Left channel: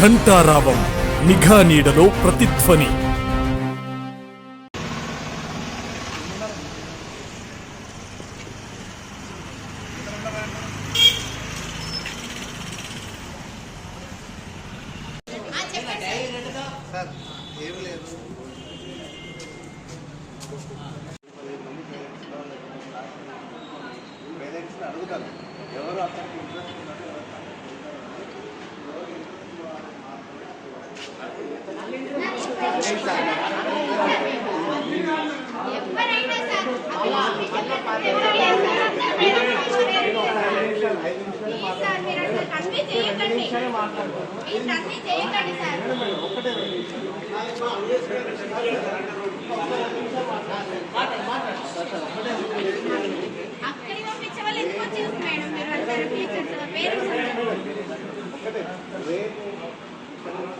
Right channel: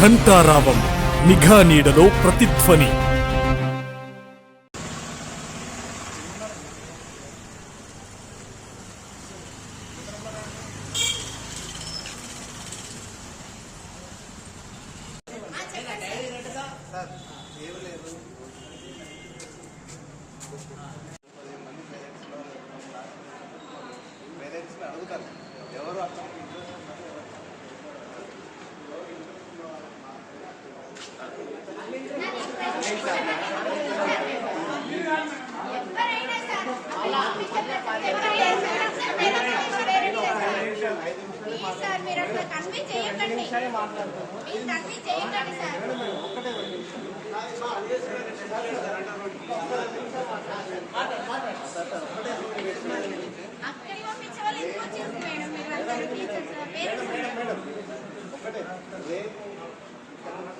ఘంటారావం నిఘా నీడలో ప్రతిధ్వని. అడుగుతాను ఎవరు అక్కడికి ఇంట్రెస్ట్ ఒకటే రేపు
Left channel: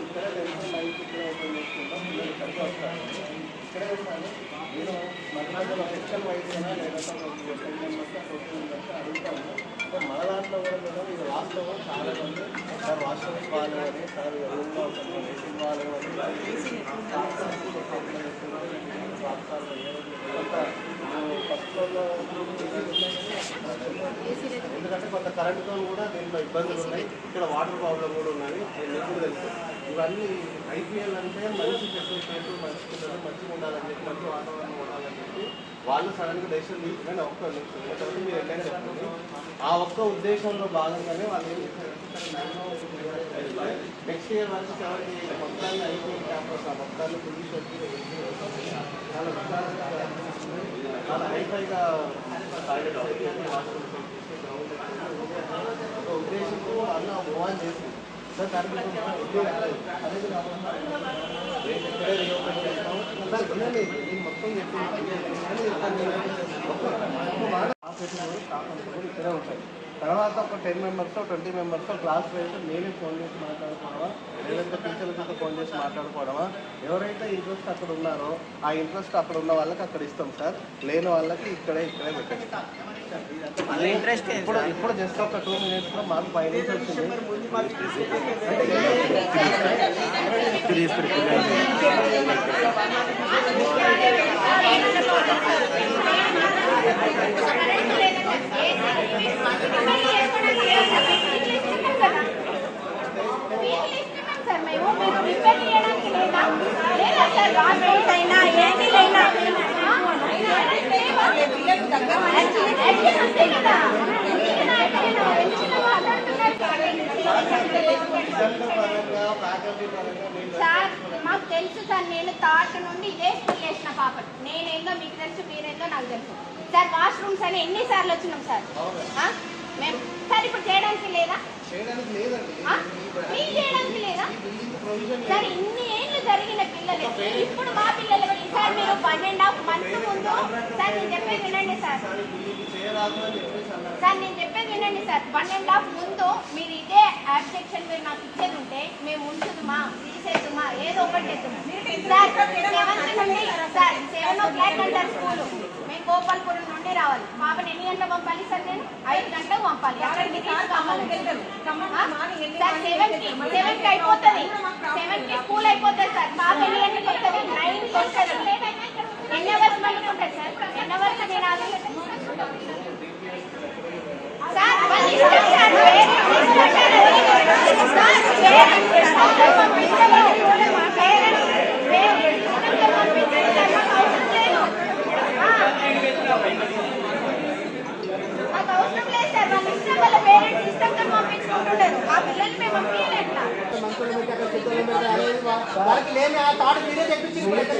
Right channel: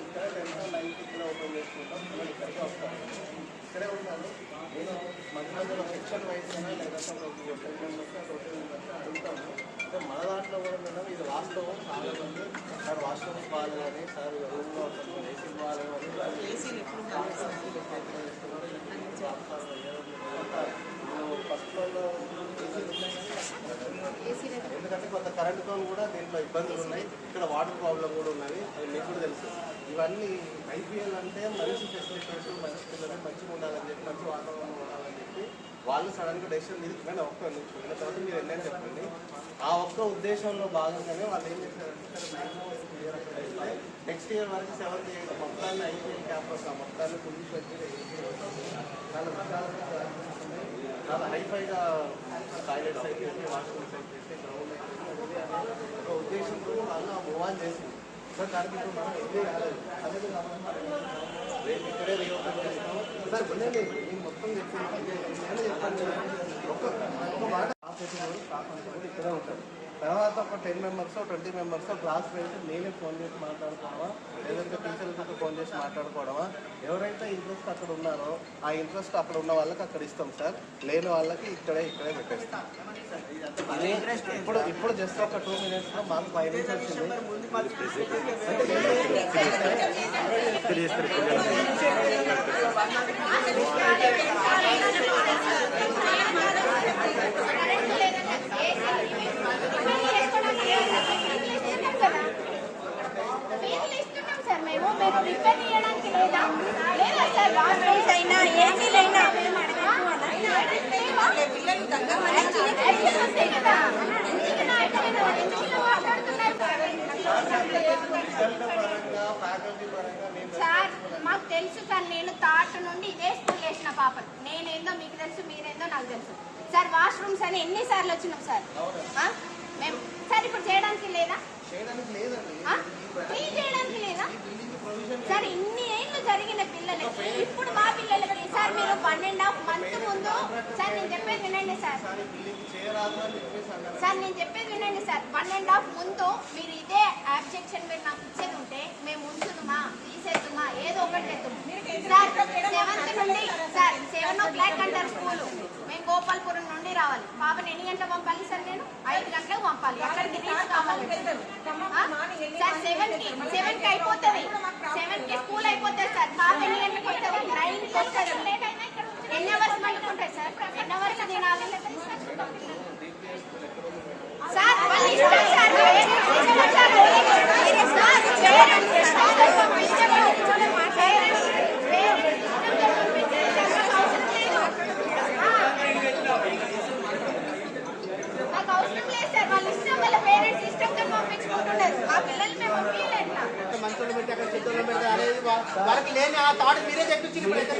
ఇక్కడ 10-9 ఇక్కడ ఓపెన్ చేసుకుంటాం. పిల్లలు ఇక్కడికి వస్తారు, ఇక్కడే ఉంటాను. నేను మధ్యలో సెక్షన్ వైజ్ కదా లేదంటే 10 మెంబర్స్ 20 మెంబర్స్ అడుగుతాము. అంటే మన దాంట్లో కూడా మేడం ఇది వాస్తవం. చాలా మంది సార్ వాష్రూమ్ ఇవ్వాలి అని, సార్ రూమ్లో ఒక ఏసీ ఇవ్వాలి అని ఫస్ట్లో ఎందుకంటే కొంత కరెంటుతో కూడా దీంట్లో ఇబ్బందులు ఉన్నాయి. ఇక్కడ వాటర్ ప్రాబ్లం కూడా ఉన్నది, మీకు కూడా తెలుసు. ఇవన్నీ ఐపీఎల్ అంటే మంచి ఫెసిలిటీస్, మంచి పిల్లలు మంచిగా ఉండాలని చెప్పి, మంచి వాతావరణం ఉండాలని చెప్పి వాళ్ళు సడన్గా డెసిషన్ తీసుకుని ఒక్క తర్వాత మీరు వెళ్ళని చెప్పండి. ఆ ఒక్క ఉద్దేశంలో భాగంగానే వాళ్ళు ఏం చేశారంటే నెక్స్ట్ ఇయర్ వరకు 7 మొత్తాన్ని ఐపీఎల్ క్యాంపస్ మొత్తాన్ని పొజిషన్ చాలా విశాలంగా చాలా హైఫైగా టాయిలెట్స్ అయితే వాష్రూమ్స్ అయితే గ్రౌండ్ ఒక ఉద్దేశంతో వాళ్ళు మూవ్ చేసింది సార్. దానికి అదే రేపు ఇక్కడే రీఓపెన్ చేస్తాం సార్. వినండి, నేను మొత్తం చెప్పండి. ఒక్క మాట కాకుండా కూడా ఇక్కడే ఉంటాయి. తర్వాత ఒక 10 మెంబర్స్ 20 మెంబర్స్ క్లాస్ వైజ్ నేనే ఫోన్ చేసి మాట్లాడుకోవడమా, లేదంటే టీచర్లతో ఫోన్ చేసి మాట్లాడుకోవడమా. ఎవరైతే ఇంట్రెస్ట్ అక్కడ ఉన్నారో ఆ ఇంట్రెస్ట్ అక్కడ ఉన్న వాళ్ళకి అక్కడ ఇస్తాం సార్. లేని వాళ్ళకి ఇక్కడే పెట్టేస్తాం. ఇప్పుడు జస్ట్ ఒక 2 minutesలో మాకు 5 నిమిషాలు మాకు తెలుసు సార్. నేను థర్డ్ నుండి ఇదే స్కూల్ చేసిన పాప. నేనేందో మీకు తెలుసు, మీరేందో నాకు తెలుసు సార్. వాష్రూమ్స్ అని ఎన్నిసార్లు వచ్చినాం సార్ మేము. సార్ ఇప్పుడు చేయడానికి లేదా? చేయడానికి లేదా సార్? ఇన్ని ఏళ్ళు జరిగిన పిల్లలకి ఇప్పుడు మా పిల్లలకి సార్ మీరు 1.5 month ముందు సార్ నేను చెప్పేది వినండి సార్. సార్ నేను చెప్పేది వినండి సార్. 1.5 ముందు మీరు ఇదే అబ్జెక్షన్ మీరు నాకు ఇచ్చేది ఉంటే మేము ఉంచుదుమా, తీసేద్దుమా, ఏదో ఒకటి చేద్దాం సార్. 7th నుండి సార్ 7 o'clock అంటారు స్కూలు. మేము గోపాల్పురం నుండి రావాలి. పాపని ఎన్ని గంటలకు పంపాలి సార్? నేను 5 గంటలకు పంపాలి. సార్ 7కి అయిపోతుంది. 7కి స్కూల్ అయిపోతుంది సార్. పాప ఎన్ని గంటలకు వస్తుంది? 9కి వస్తుంది. ఎన్ని అవర్స్ బయట ఉంటుంది సార్? ఎన్ని అవర్స్ తినాలి సార్? మంచోళ్ళు పెట్టి అక్కడ చెత్తోళ్ళు పెడితే అనేది వాళ్ళకి లేని ఆ థాట్ మీరే తెప్పించి ఇప్పుడు ఎక్కడ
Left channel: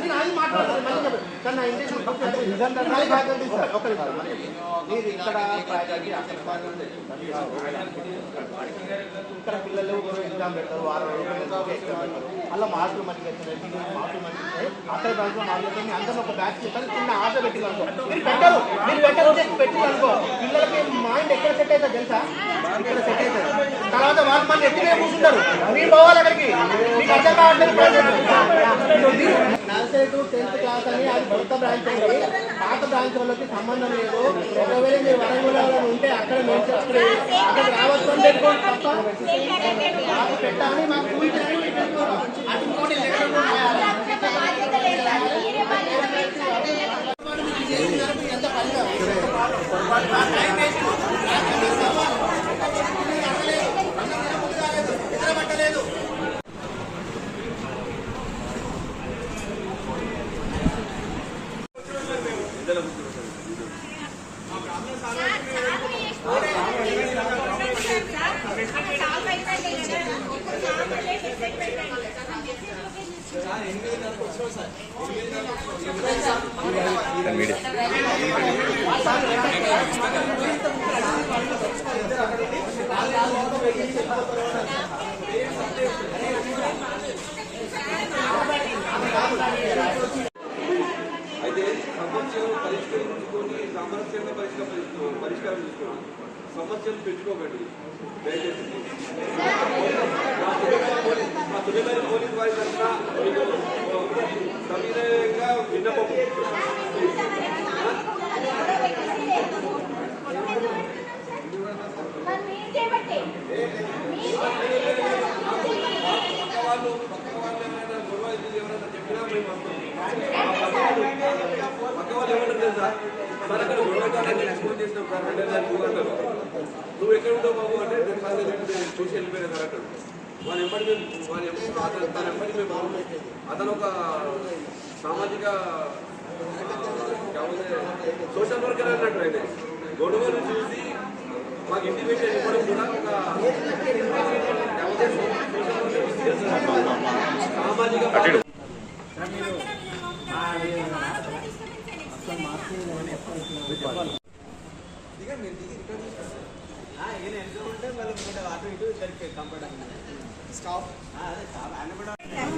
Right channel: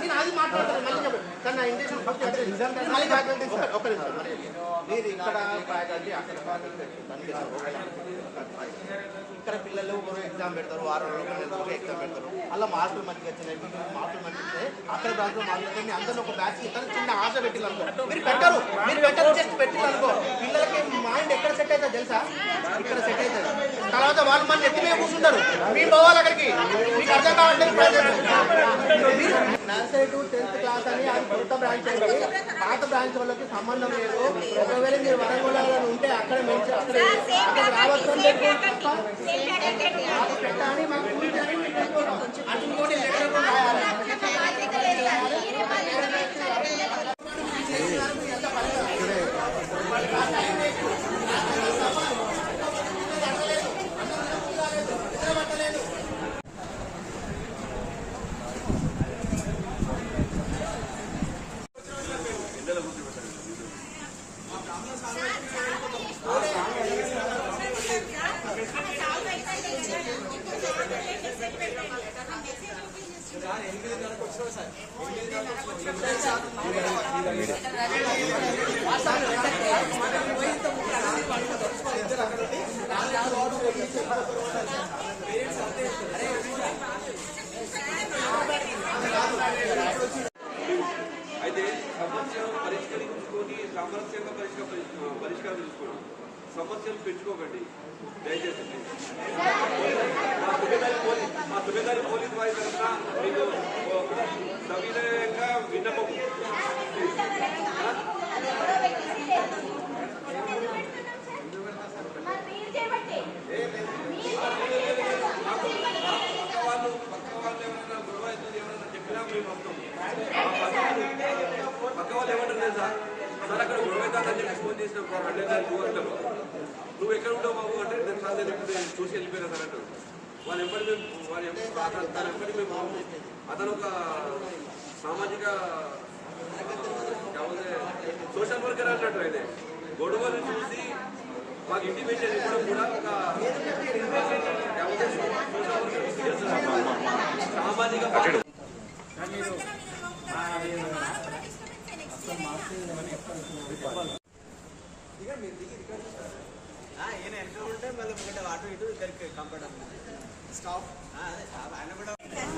నేను అది మాట్లాడతాను. మళ్ళీ చెప్పండి. నా ఇంటెన్షన్ ఒక నిమిషం మరి మీరు ఇక్కడ ఫ్యాకల్టీ అక్కడ ఫ్యాకల్టీ ఇక్కడ పిల్లలు ఎగ్జామ్ పెడతారు 6 రోజులు ఎగ్జామ్ పెడతారు అలా మార్కులు మంచిగా వచ్చినాయి మార్కులు మంచిగా వచ్చాయి అక్కడ బ్యాచ్లో మార్కులు మీ అందరినీ ఒక బ్యాచ్ ఇస్తారు చిన్న ఆశ పెట్టిందనుకో మీరు పెట్టరు జస్ట్ పెట్టిందనుకో పిల్లలకి మైండ్ ఎక్కడ సెట్ అవుతుంది తెలుసా ఇక్కడ సెట్ అవుతుంది తర్వాత వాళ్ళు మన ఎత్తి మీద కూర్చుంటారు మేము పోవాలి అక్కడికి మీకు అర్థం కావట్లేదు నర్సరీ టు 10th క్లాస్ అని అది కొత్త బ్రాంచ్ అయింది పాత బ్రాంచ్ వాళ్ళకి సంబంధం లేదు ఒకవేళ మీరు వరంగల్ ఉంటే అక్కడ అక్కడ రావచ్చు అని పెట్టుకోండి తప్ప పెట్టాలి మాకు అయితే సమస్యలు పరిష్కరించుకొని సామరస్యంగా పరిష్కారం తీసుకోండి సమస్యలు పెట్టుకోకండి దయచేసి మా సుబేదారి పోలీస్ వారి తరఫున మీకు సవినయంగా విన్నపం పక్క వాళ్ళు ఏమైనా గొడవ ఎవరైనా చెప్పినా మేము వస్తాం పక్క వాళ్ళు ఏమంటారు తెలుసా సార్ అక్కడ గొడవ అవుతానని ఫోన్ చేసినాం సార్ అంటే నువ్వు అంటారు నువ్వు ఎక్కడ ఉంటావు బాబు అంటే నేను సార్ నేను చూసి వెళ్ళిపోయినా సార్ అంటారు వాళ్ళ ఎంబడి మేము తన ఎంబడి మేము అతను ఒక సామాజిక సోషల్ వర్కర్ అన్నట్టు అయితే గొడవలు చూసి మాకు ఇంటిమేషన్ ఇవ్వడం కూడా ఒక సామాజిక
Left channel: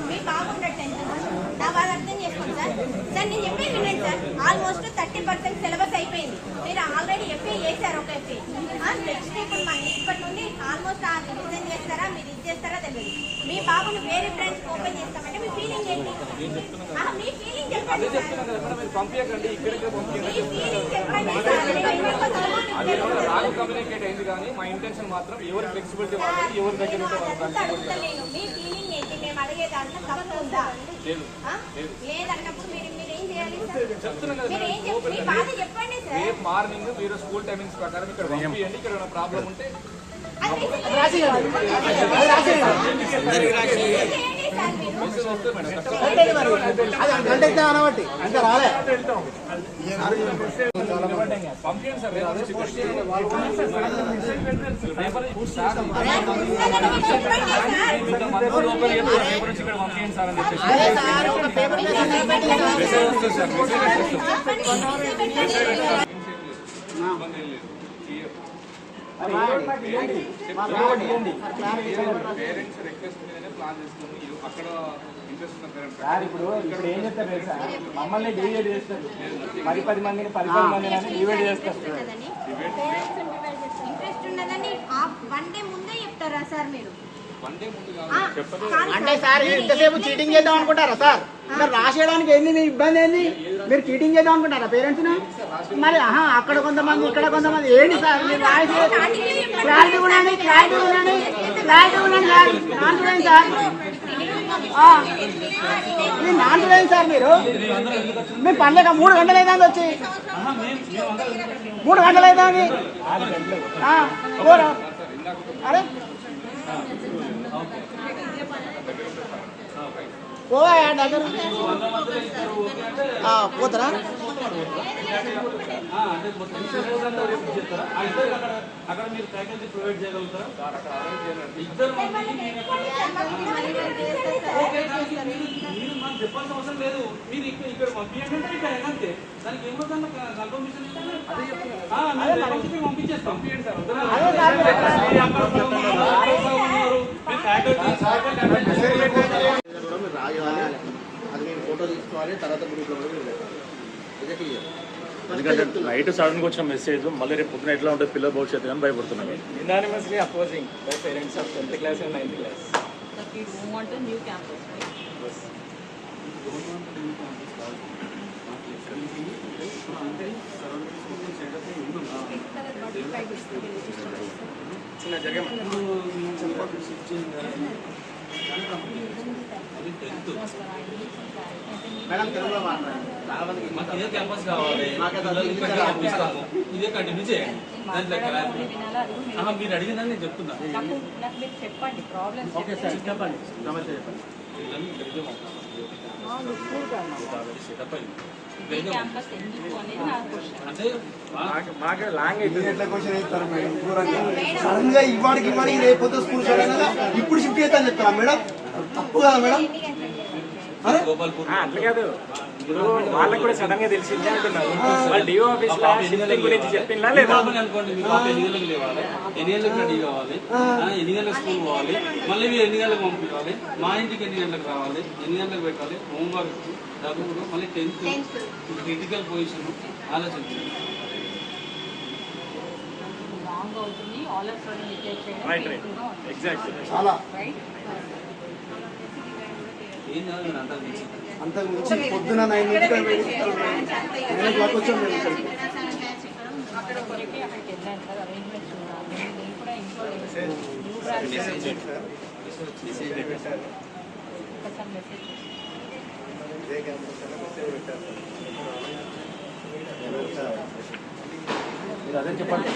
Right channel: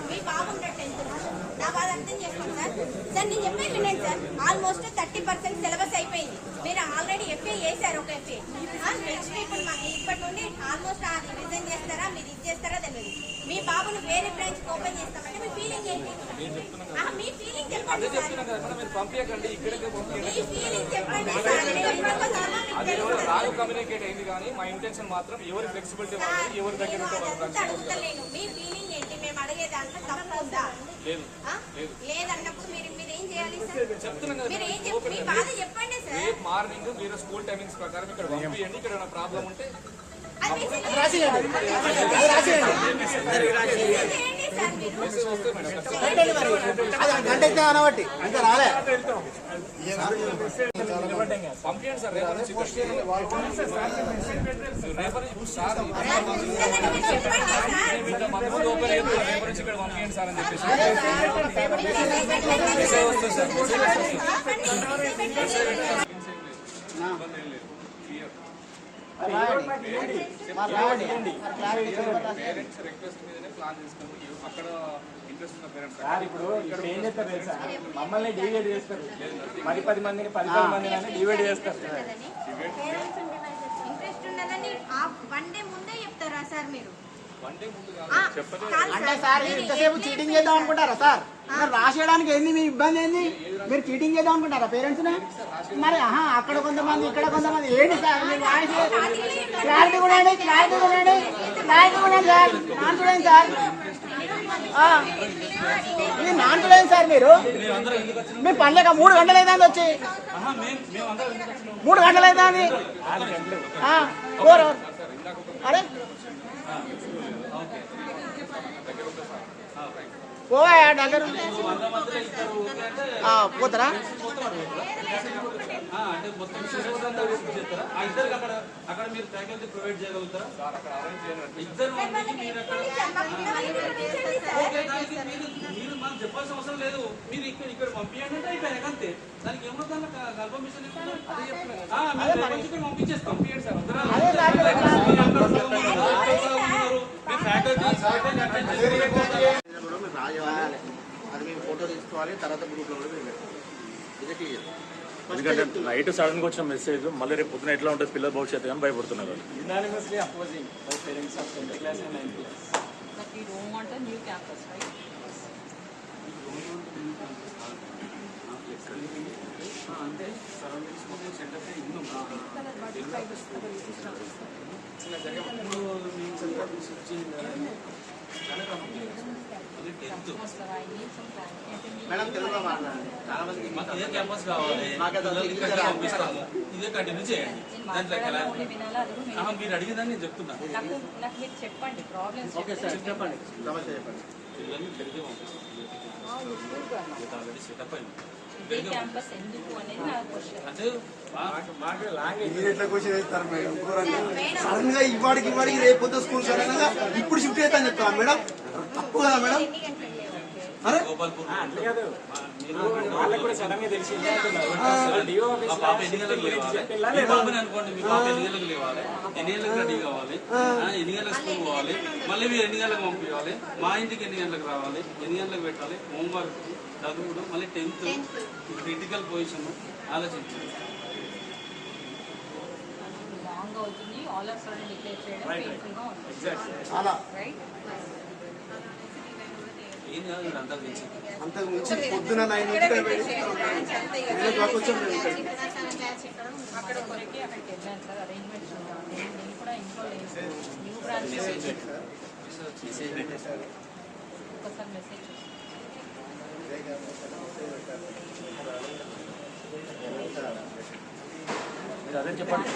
మీ బాగుండట్టు నా బాధ అర్థం చేసుకోండి సార్ సార్ నేను చెప్పేది వినండి సార్ ఆల్మోస్ట్ 30% సిలబస్ అయిపోయింది మీరు ఆల్రెడీ ఎఫ్ఏ చేశారు ఒక ఎఫ్ఏ నెక్స్ట్ ఇప్పుడు ఇప్పటి నుండి ఆల్మోస్ట్ ఆ రివిజన్ చేస్తారా మీరు ఇది చేస్తారా తెలియదు మీ బాబుని వేరే బ్రాంచ్ ఓపెన్ చేస్తామంటే మీ ఫీలింగ్ ఏంటి మీ ఫీలింగ్ చెప్పండి సార్ మీ ఫీలింగ్ చెప్పండి సార్ మేము ఎందుకు వస్తామో అడుగుతలేను మీ ఫీలింగ్ ఏంటి మేము అడిగే దాంట్లో తప్పు ఉందా లేదన్నప్పుడు మీరు ఏం చేయాలి సార్ మీరు ఏం చెప్పి మీ బాధ చెప్పండి సార్ మార్నింగ్ మీరు స్కూల్ టైమింగ్స్ ప్రకారం ఇక్కడ పంపియండి ఇక్కడ ప్రాబ్లం ఉంటే గంట అనబట్టి ఇంకా రాలే పంపించండి సార్ రేపు నుంచి ఇక్కడ పంపించండి సార్ అని చెప్పేసి మెసేజ్ వస్తుంది సార్ పేరెంట్స్ రిక్వెస్ట్ మీదనే ప్లాన్ చేసుకుని అక్కడ ఇంట్రెస్ట్ ఉన్న పేరెంట్స్ సార్ ఇప్పుడు ఏం చేస్తారు తెలుసా మమ్మల్ని డివైడ్ చేస్తారు 10 మందిని 10 మందిని అని డివైడ్ చేస్తారు ఇంట్రెస్ట్ ఉన్నదని వన్ డే ముందే చెప్తారా సార్ మీరు అంటే సార్ ఎంతసేపు చీటింగ్ చేద్దాం అనుకుంటారా సార్ మరి రాసేయడానికి ఏంది మీ ఇబ్బంది ఏంది మీరు చీటింగ్ చేద్దాం అనుకుంటారా పేరెంట్స్ మరి అక్కడ కొంతమంది ఇక్కడ కొంతమంది ఏంటి సార్ మీరు రాసి క్లారిటీ కూడా సార్ నాన్ చూడండి సార్ మీరు నాన్ చూడండి సార్ మీరు పనులేక 3 గంటలు అవుతుంది వచ్చి 3 గంటలు అవుతుంది అరే పోతారా అంటే మొత్తం స్టూడెంట్స్ అంతా రేపు చేస్తారా? ఆ ఇద్దరికి అక్కడ మీరు ఫ్యాకల్టీ ప్రొవైడ్ చేయగలుగుతారా? ఇద్దరు మీరు అక్కడ ఓకే, దానికి మీరు మాకు చెప్పాల్సిన అవసరం లేదు. మీరు ఇక్కడ పంపించండి అంటే ఇక్కడ అంతే. దానికి ఏమో దాంట్లో కన్ఫర్మేషన్ పంపించేస్తాం. కూడా మీరు రాయాలి, అది మేము ఫోటో తీసుకోవాలి, తర్వాత గ్రూప్లో కూడా మీరు ఇదే క్లియర్. నైట్ సడన్ గా వచ్చిన మెసేజ్ మళ్ళీ రేపు పొద్దున ఎట్లా ఉంటుంది పిల్లల భవిష్యత్తు అని భయపడుతున్నారు. Unanimously opposing by parents of 10th class and 9th class. That we don't want a new campus, right? అంటే సరౌండింగ్స్ మొత్తం సెటప్ అయి ఉన్నాం. మేడం తెలుగులో మాట్లాడండి, చాలా మందికి మాకు ఇదే క్యాంపస్ కావాలి, పంపిస్తాము, ఇదే కంటిన్యూ చేయండి. దాంట్లో మీరు అడిగిందని నేను చెప్తున్నాను. నాకు మీరు చెప్పండి ప్రాబ్లమ్స్. ఓకే సార్, చెప్పండి సమస్య చెప్పండి. పిల్లల్ని ఇక్కడికే పంపిస్తాం. సెటప్ అయింది క్యాంపస్ ఎందుకు అనేది నా క్వశ్చన్. అంటే మాకు లాంగ్ సడన్ గా ఇవాడికి రేపు స్కూల్ సడన్ గా ఇప్పుడు షిఫ్ట్ చేస్తాను చెప్తారా మేడం? తప్పు కదా మేడం? గోపాల్పూర్ అట్లా కాదు, వాళ్ళకి కూడా సడన్ గా తెలిసింది అంటున్నారు. డిఓ ఆఫీస్ మా పాప ఎన్ని గంటలకు గురించి లేవాలి? చెప్పిందా మీ పాపని అనుకోండి, మీ పాప ఎన్ని గంటలకు లేవాలి, ఎన్ని గంటలకు రెడీ కావాలి, ఎన్ని గంటలకు స్కూల్ పోవాలి, మళ్ళీ మీరు ఎన్ని గంటలకు పంపించాలి, మా ఇంటికి ఎన్ని గంటలకు రావాలి, ఎన్ని గంటలకు పెట్టాలి, హోంవర్క్, చదువుడు, మళ్ళీ 10th క్రిటికల్ పొజిషన్ ఆలోచించండి. రాంగ్ అవుతుంది. ఆల్ ఆఫ్ సడన్ డిక్లేర్ చేయడం రైట్ painful గా ఉంటుంది. ఎగ్జాక్ట్లీ. చాలా రైట్? ఏం కాదు, మీరు అంతా తెలిసి అంతకు మించి పొద్దున 9 నుంచి 9 o'clock వచ్చాం మేము ఇక్కడికి. అక్కడ కొరకే అక్కడికి వెళ్ళాను సార్, అరేంజ్మెంట్స్ చూడాలి. నేను కూడా ఇంట్లో లేదు. న్యూ బ్రాంచ్ ఒకసారి మెసేజ్ చేస్తాను. మీరు అదే చెప్పండి.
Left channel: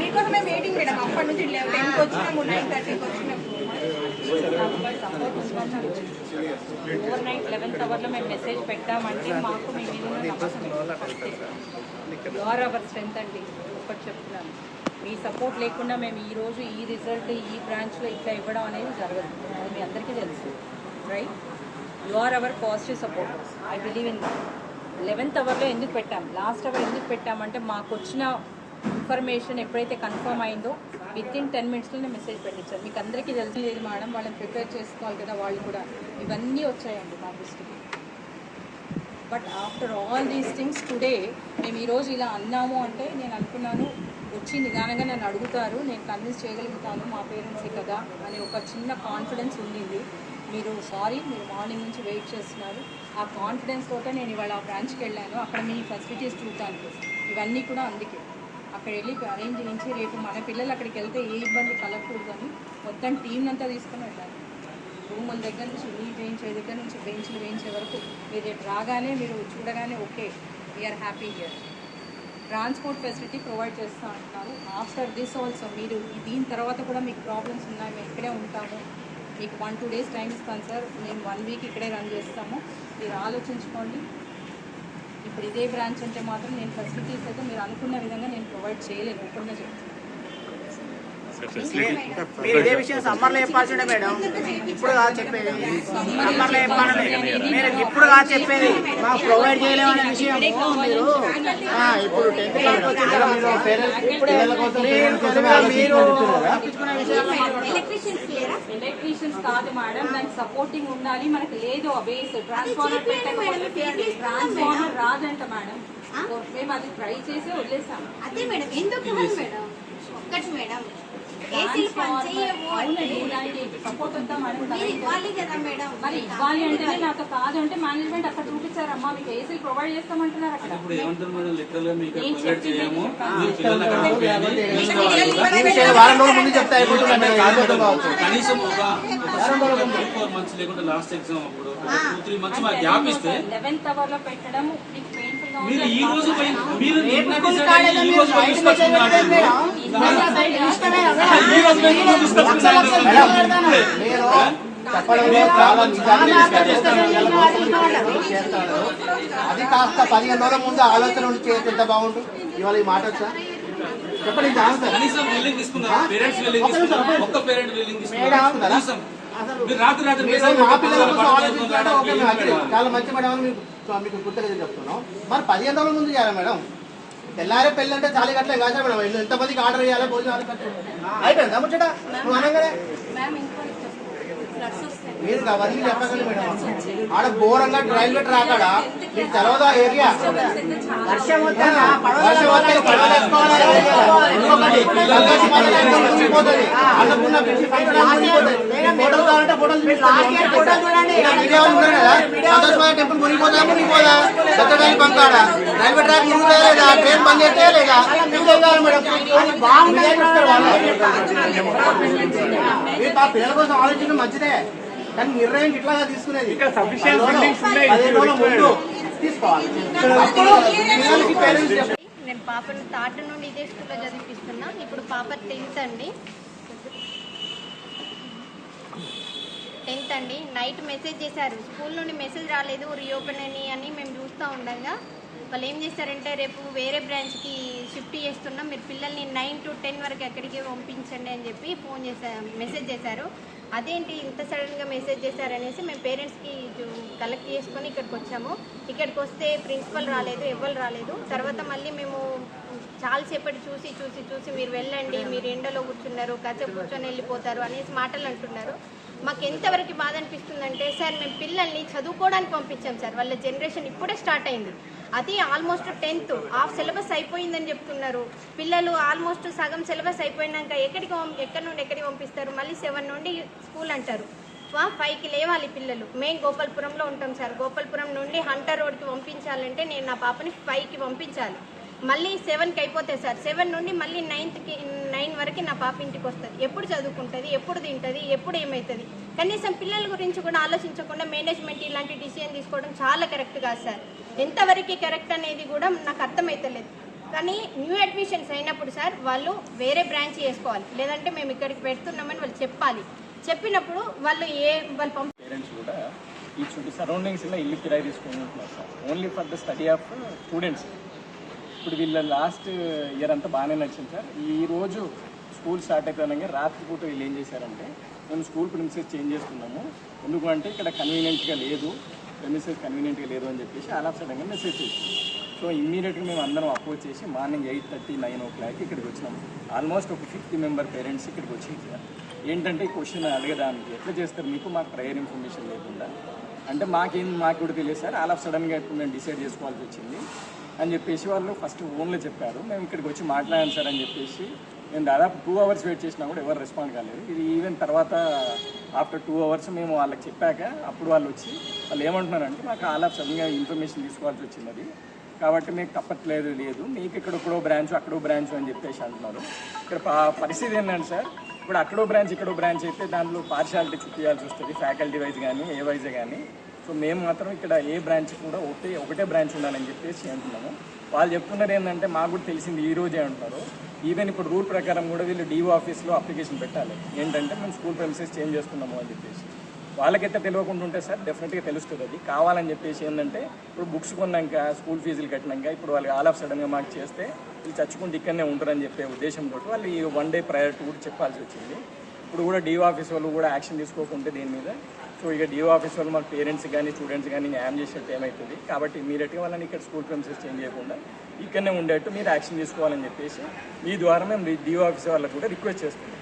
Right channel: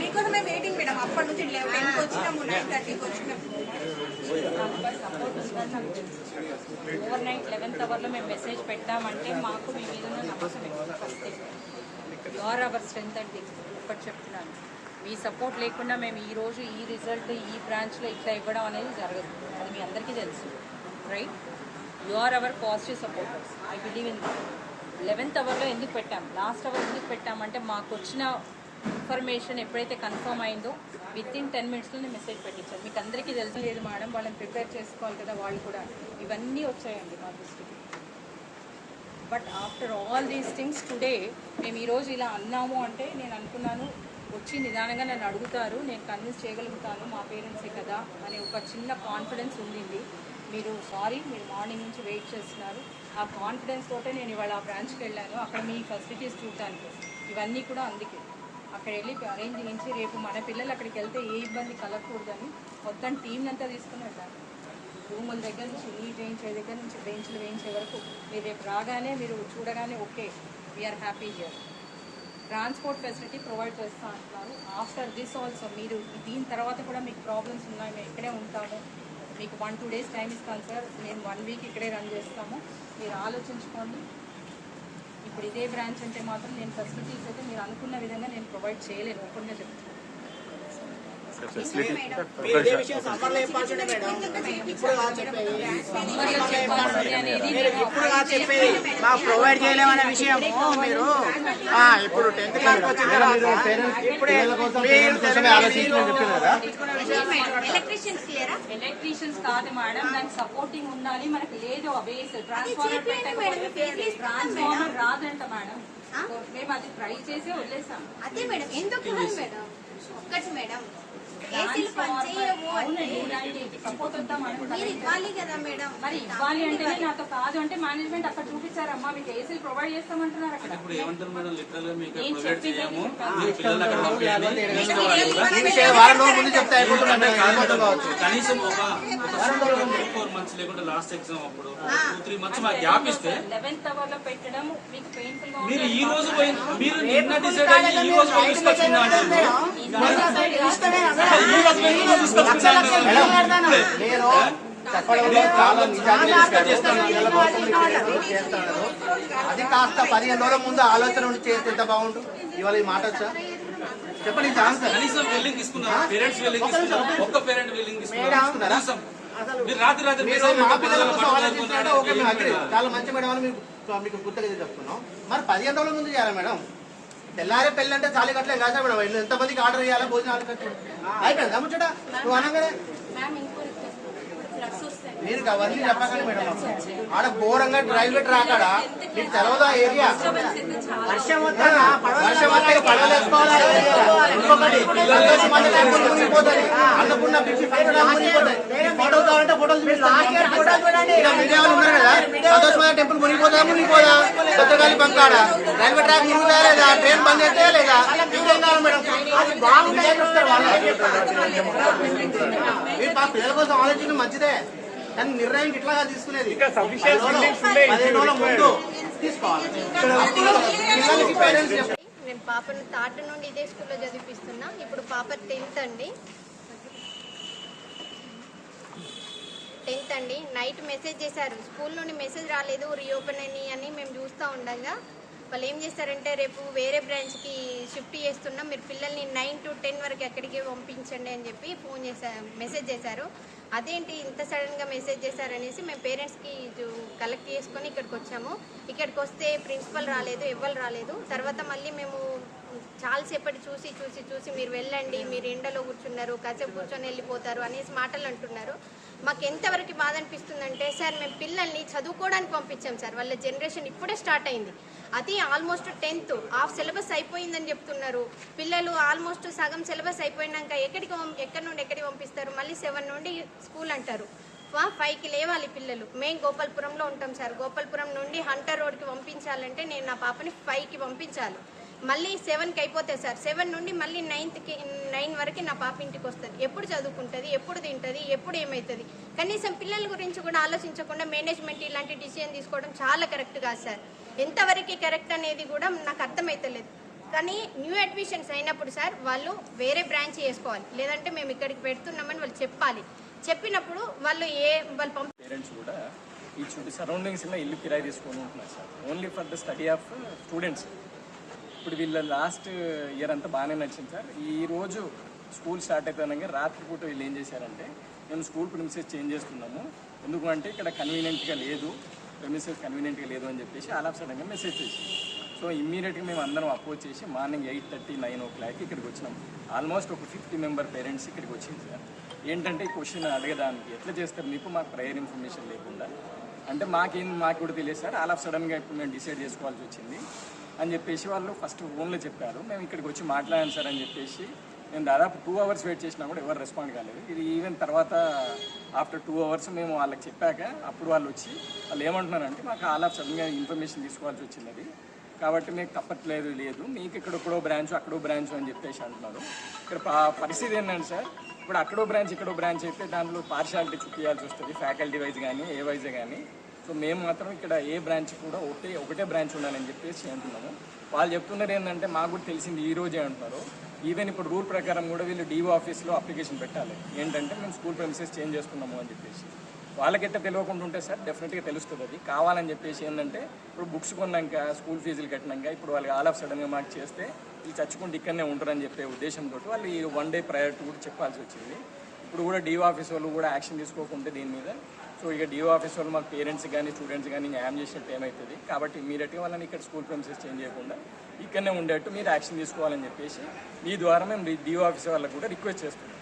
మీకోసమే వెయిటింగ్ మేడం. అప్పటి నుంచి 10కి వచ్చినాము, 9:30కి వచ్చినాము. సపోర్ట్ ఉందని నాకు తెలుసు. ఓవర్ నైట్ 11th అవర్లో మేము మెసేజ్ పెట్టామంటే మాకు మీ మీద నమ్మకం యువర్ అవర్ స్ట్రెంత్ అండి. ఒకటి చెప్తున్నాను, మీ సపోర్ట్ లేకుండా మేము ఈరోజు ఈ రిజల్ట్ ఈ బ్రాంచ్లో ఇట్లా ఇవ్వడం అనేది జరగదు. అది మీ అందరికీ తెలుసు, right? You are our positive supporters. I believe in that. 11th అవర్లో ఎందుకు పెట్టాం, లాస్ట్ అవర్ ఎందుకు పెట్టామంటే మాకు వచ్చిన ఇన్ఫర్మేషన్ ఎప్పుడైతే కన్ఫర్మ్ అయిందో విత్ ఇన్ 10 minutesలోనే మెసేజ్ పెట్టించారు. మీకు అందరికీ తెలిసి లేదు మేడం, వాళ్ళని ప్రిపేర్ చేసుకోవాలి కదా, వాళ్ళు కూడా ఇవన్నీ వచ్చాయండి మా దృష్టికి. But after all these things today మేము ఈరోజు ఇలా అన్నాము అంటే నేను అనుకున్నాను వచ్చి నిదానంగా నన్ను అడుగుతారు, నేను కన్విన్స్ చేయగలుగుతాను మా పేరెంట్సే కదా అనే ఒక చిన్న కాన్ఫిడెన్స్ ఉండింది. మీరు మీరు మార్నింగ్ నుంచి వెయిట్ చేస్తున్నారు. ఆ కాన్ఫిడెన్స్ తోటే నేను ఇవాళ ఆ బ్రాంచ్కి వెళ్ళాను. అక్కడ మీ ఫెసిలిటీస్ చూడటానికి ఇవన్నీ కూడా అందుకే అక్కడ వెళ్ళి అరేంజ్ చేయించి రేపు మన పిల్లలు అక్కడికి వెళ్తే ఏ ఇబ్బంది కలగకూడదని మొత్తం టీం అంతా తీసుకుని వెళ్ళాను. రూముల దగ్గర నుంచి నీట్ వేయించే దగ్గర నుంచి బెంచ్లు వేయించే వరకు మీరు రేపు రాగానే మీరు చూడగానే okay we are happy here. Transport facility provide చేస్తూ అంటున్నారు. ఆఫ్టర్ దిస్ ఆల్సో మీరు దీని తర్వాత కూడా మీకు ప్రాబ్లమ్స్ ఉన్నాయి, మేము ఇక్కడే ఉంటాము, మీకు 1-2 days టైం ఇస్తాను సార్, మేము 1 week ఇక్కడే రన్ చేస్తాము, మీరు ఆలోచించుకోండి. ఇప్పుడు ఇదే బ్రాంచ్ అంటే మాత్రం నేను ఫెసిలిటీస్ అయితే మీరు అనుకున్న విధంగా నేను ప్రొవైడ్ చేయలేను, ఒప్పుగా చెప్తాను. ఇదే విషయం సమ్మర్లో చెప్పాల్సిండే మేడం. ఇప్పుడు కాదు చెప్పేది, సమ్మర్లో చెప్పాలి. మీరు ఇప్పుడు కాదు చెప్పేది, మాకు ప్రొవైడ్ చేయలేమనే విషయం మీరు ఇప్పుడు 10th క్లాస్కి వచ్చిన తర్వాత ఇప్పుడే ఎలక్ట్రీషియన్స్ కాదు మేడం, దానికి సపోర్టింగ్ ఉండాలి. మనకి లేదు ఆ బేస్ ట్రాన్స్ఫార్మర్ రాదంట మేడం. మేము అది ట్రై చేసి వదిలేసాం. అదే మేడం, ఎందుకు కాదు మేడం, ఒక్కటి మేడం ఏసీలు పనిచేయవు అంటే సపోర్ట్ ఉందా మేడం? మీరు ఇవ్వాలి కదా మేడం. మరి ఇవ్వాలి అంటే నాకు కాదు అంటే మేనేజ్మెంట్ అక్కడ చూపించారమ్మా, మీకు ఏసీలు ప్రొవైడ్ చేస్తామంటున్నారు అక్కడ. ఇప్పుడు ఏమంటారు మేడం, లెక్కలు మీకు ప్రొవైడ్ చేయము, మీరు పిల్లలు అక్కడ పంపించండి. వారం రోజుల ముందు చెప్తే అయిపోతుంది. కనీసం ఒక 4 months లేకుంటే లాస్ట్ ఎగ్జామ్ అప్పుడు 2-3 months మాకు గ్యాప్ ఇస్తే 11th అవర్లో పెట్టడం మీకు పెయిన్ఫుల్ గా మీరు ఈ రోజు పోయి మీరు నిన్న డిసైడ్ అయ్యి ఈ రోజు పోయి తీసుకొచ్చుకున్నారు. చెప్పడంలో చాలా నిజాన్ని చేస్తాను. అది కాస్త 15 రోజుల ముందు ఆలోచన ఉండి చేస్తే ఎంత బాగుంటుంది. ఇవాళ ఈ మాట వచ్చా చెప్పండి. కనీసం వెల్లింగ్ తీసుకున్నారా? పేరెంట్స్ వెల్లింగ్ తీసుకున్నారా? ఒక్క పేరెంట్ వెల్లింగ్ తీసుకున్నారా? మీరు రాత్రి మా పిల్లల కోసం ఆలోచించాలంటే ఓకే, మేము అగ్రీ, చాలా మంచి మేడం అని మీకు గుర్తుగా చెప్తున్నాం. మరి 15 రోజుల ముందు చేయాలి మేడం. తెల్లారే పెళ్ళి అంటే చాలీ కట్టలే కాదు మేడం. ఎంతమందికి ఆర్డర్ చేయాలి, భోజనం అయిపోయిందా ముచ్చట? నువ్వు అనగానే మీరు అవన్నీ చెప్పకండి మేడం. ఆడ ఘోరంగా రైల్వే ట్రాక్ ఆడ మీకు తెలవదా ఏరియా? వర్షం వస్తే మునిగిపోతుంది. అన్నపూర్ణ ఫోటోలు కావాలంటే ఫోటోలు విజయవాళ్ళు ఉన్నారు కదా, సంతోషమైన టెంపుల్ మునిగిపోదా? సత్యనారాయణ బంకాడ రైల్వే ట్రాక్ మునిగితే లేదా, ట్రైన్ బంద్ అయితే లేదా, ఇంకేం కావాలి మేడం? మీరు పిల్లల కోసం ఆలోచించడం మంచిదే, కానీ నిర్ణయం ఇట్లాగా తీసుకునేది 15 రోజుల ముందు తీసుకోవాలి. నేను పాపను థర్డ్ నుండి ఇదే స్కూల్లో చదివిస్తున్నా. ఇప్పుడు పాప 10th అండి. నైట్ మెసేజ్ చేశారు, స్కూల్ నుండి మెసేజ్ రాలేదు, రీఓపెన్ అని మేము చూస్తూ ఉండగా వాళ్ళు ఏం చేస్తారంటే రేపు వేరే బ్రాంచ్కి షిఫ్ట్ చేస్తున్నాం, మీరు పిల్లల్ని 9 to 10 వరకు ఎక్కడికి పంపించండి అని చెప్పి మెసేజ్ చేశారు. అదేంటి ఇంత సడన్గా మెసేజ్ చేశారనేసి మేము పేరెంట్స్కి కలెక్ట్ చేసుకొని ఇక్కడికి వచ్చాము. ఇక్కడికి వస్తే ప్రిన్సిపల్ రాలేదు, ఎవ్వరు రాలేదు. తర్వాత మళ్ళీ మేము చాలాసేపటి చూసి మీరు వెళ్ళండి, మీరు ఎండలో కూర్చున్నారు, కాసేపు కూర్చొని వెళ్ళిపోతారు అనేసి మాటలు అంటున్నారు. మాకు ఎంతవరకు బాధ అనిపిస్తుందంటే సార్, మేము పిల్లల్ని చదువుకోవడానికి పంపించాం సార్, వాళ్ళ జనరేషన్ ఇప్పుడే స్టార్ట్ అయింది. అది ఆల్మోస్ట్ 10th హాఫ్ సిలబస్ అయిపోయిందని చెప్తున్నారు. పిల్లలు ఆల్మోస్ట్ సగం సిలబస్ అయిపోయినాక ఎక్కడి నుండి ఎక్కడికి పంపిస్తారు? మళ్ళీ 7 నుండి స్కూల్ అంటారు. 5కి లేవాలి పిల్లలు. మేము గోపాల్పురంలో ఉంటాం సార్. గోపాల్పురం నుండి హంటర్ రోడ్కి పంపించాలంటే నేను నా పాపని 5కి పంపించాలి. మళ్ళీ 7కి అయిపోతాయి సార్. 7 నుండి మళ్ళీ 9 వరకు నా పాప ఇంటికి వస్తుంది. ఎప్పుడు చదువుకుంటుంది, ఎప్పుడు తింటుంది, ఎప్పుడు ఏమవుతుంది? కనీసం పిల్లల గురించి కూడా ఆలోచించకుండా మేనేజ్మెంట్ ఇలాంటి డిసిజన్ తీసుకోవడం చాలా కరెక్ట్ కాదు సార్. ఎంతవరకు కరెక్ట్ అనేది కూడా నాకు అర్థమవుతలేదు. కానీ న్యూ అడ్మిషన్స్ అయినప్పుడు సార్ వాళ్ళు వేరే బ్రాంచ్ చేసుకోవాలి, లేదంటే మేము ఇక్కడికి పెడుతున్నామని వాళ్ళు చెప్పాలి. చెప్పినప్పుడు వాళ్ళు పేరెంట్స్ కూడా ఈ చుట్టూ సరౌండింగ్స్లో ఇల్లు కిరాయి తీసుకొని ఉంటున్నారు sir, only for the study of students. ఇప్పుడు వీళ్ళ లాస్ట్ ఇయర్ అంతా బాగానే నచ్చింది సార్. ఈ రోజు స్కూల్ స్టార్ట్ అయిపోయినాక రాత్రిపూట వీళ్ళు ఏం చేశారంటే, మేము స్కూల్ ప్రిమిసెస్ చేంజ్ చేస్తున్నాము, ఎందుకంటే ఇక్కడ కన్వీనియంట్గా లేదు అని చెప్పేసి ఆల్ ఆఫ్ సడన్గా మెసేజ్ చేసి, సో ఇమ్మీడియట్గా మేము అందరం అపోజ్ చేసి మార్నింగ్ 8:30, 9 o'clock ఇక్కడికి వచ్చినాం. ఆల్మోస్ట్ ఒక 50 member పేరెంట్స్ ఇక్కడికి వచ్చింది సార్. ఏంటంటే ఈ క్వశ్చన్ అడగడానికి ఎట్లా చేస్తారు మీకు, మాకు ప్రయర్ ఇన్ఫర్మేషన్ లేకుండా అంటే మాకు కూడా తెలియదు సార్. ఆల్ ఆఫ్ సడన్గా ఇప్పుడు మేము డిసైడ్ చేసుకోవాల్సి వచ్చింది అని చెప్పేసి వాళ్ళు ఫస్ట్ ఫోన్లో చెప్పారు. మేము ఇక్కడికి వచ్చి మాట్లాడాను సార్ అని చెప్పేసి నేను దాదాపు 2 hours వెయిట్ చేసినా కూడా ఎవరు రెస్పాండ్ కాలేదు. ఇది ఈవెన్ తర్వాత ఆఫ్టర్ 2 hours మేము వాళ్ళకి చెప్పాక అప్పుడు వాళ్ళు వచ్చి వాళ్ళు ఏమంటున్నారంటే, మాకు ఆల్ ఆఫ్ సడన్గా ఇన్ఫర్మేషన్ తీసుకోవాల్సి వచ్చింది, కాబట్టి మీకు తప్పట్లేదు, మీకు ఇక్కడొక్కడో బ్రాంచ్ అక్కడో బ్రాంచ్ అని చెప్పేసి అంటున్నారు. ఇక్కడ పరిస్థితి ఏంటంటే సార్, ఇప్పుడు అక్కడో బ్రాంచ్ ఇక్కడో బ్రాంచ్ అయితే దాంట్లో పార్షియాలిటీ తీయాల్సి వస్తుంది, ఫ్యాకల్టీ వైజ్ కానీ ఏ వైజే కానీ. సో మేము మాత్రం ఇక్కడ ఏ బ్రాంచ్ కూడా ఒకటే బ్రాంచ్ ఉండాలని చెప్పేసి అంటున్నాము. వాళ్ళు చెప్తున్నారు ఏంటంటే, మాకు కూడా తెలిసింది ఈ రోజే అంటున్నారు. ఈవెన్ ఇప్పుడు రూల్ ప్రకారం కూడా వీళ్ళు DO ఆఫీస్లో అప్లికేషన్ పెట్టాలి, ఏంటంటే మేము స్కూల్ ప్రెమిసెస్ చేంజ్ చేస్తున్నాము అని చెప్పేసి. వాళ్ళకైతే తెలియకుండా ఉంటే సార్ డెఫినెట్గా తెలుస్తుంది. అది కావాలని చెప్పేసి ఏంటంటే, ఇప్పుడు బుక్స్ కొన్నాక స్కూల్ ఫీజులు కట్టినాక ఇప్పుడు వాళ్ళు ఆల్ ఆఫ్ సడన్గా మాకు చేస్తే వీళ్ళు చచ్చుకుంటూ ఇక్కడనే ఉంటారని చెప్పే ఉద్దేశంతో వాళ్ళు ఈ 1 day ప్రయారిటీ కూడా చెప్పాల్సి వచ్చింది. ఇప్పుడు కూడా DO ఆఫీస్ వాళ్ళు కూడా యాక్షన్ తీసుకోకుంటే దీని మీద, సో ఇక DO ఆఫీస్ వాళ్ళు మన పేరెంట్స్ కానీ స్టూడెంట్స్ కానీ న్యాయం చేసినట్టు ఏమవుతుంది, కాబట్టి ఇమీడియట్గా వాళ్ళని ఇక్కడ స్కూల్ ప్రెమిసెస్ చేంజ్ చేయకుండా ఇక్కడనే ఉండేట్టు మీరు యాక్షన్ తీసుకోవాలని చెప్పేసి మీ ద్వారా మేము DO ఆఫీస్ వాళ్ళకు కూడా రిక్వెస్ట్ చేస్తున్నాం.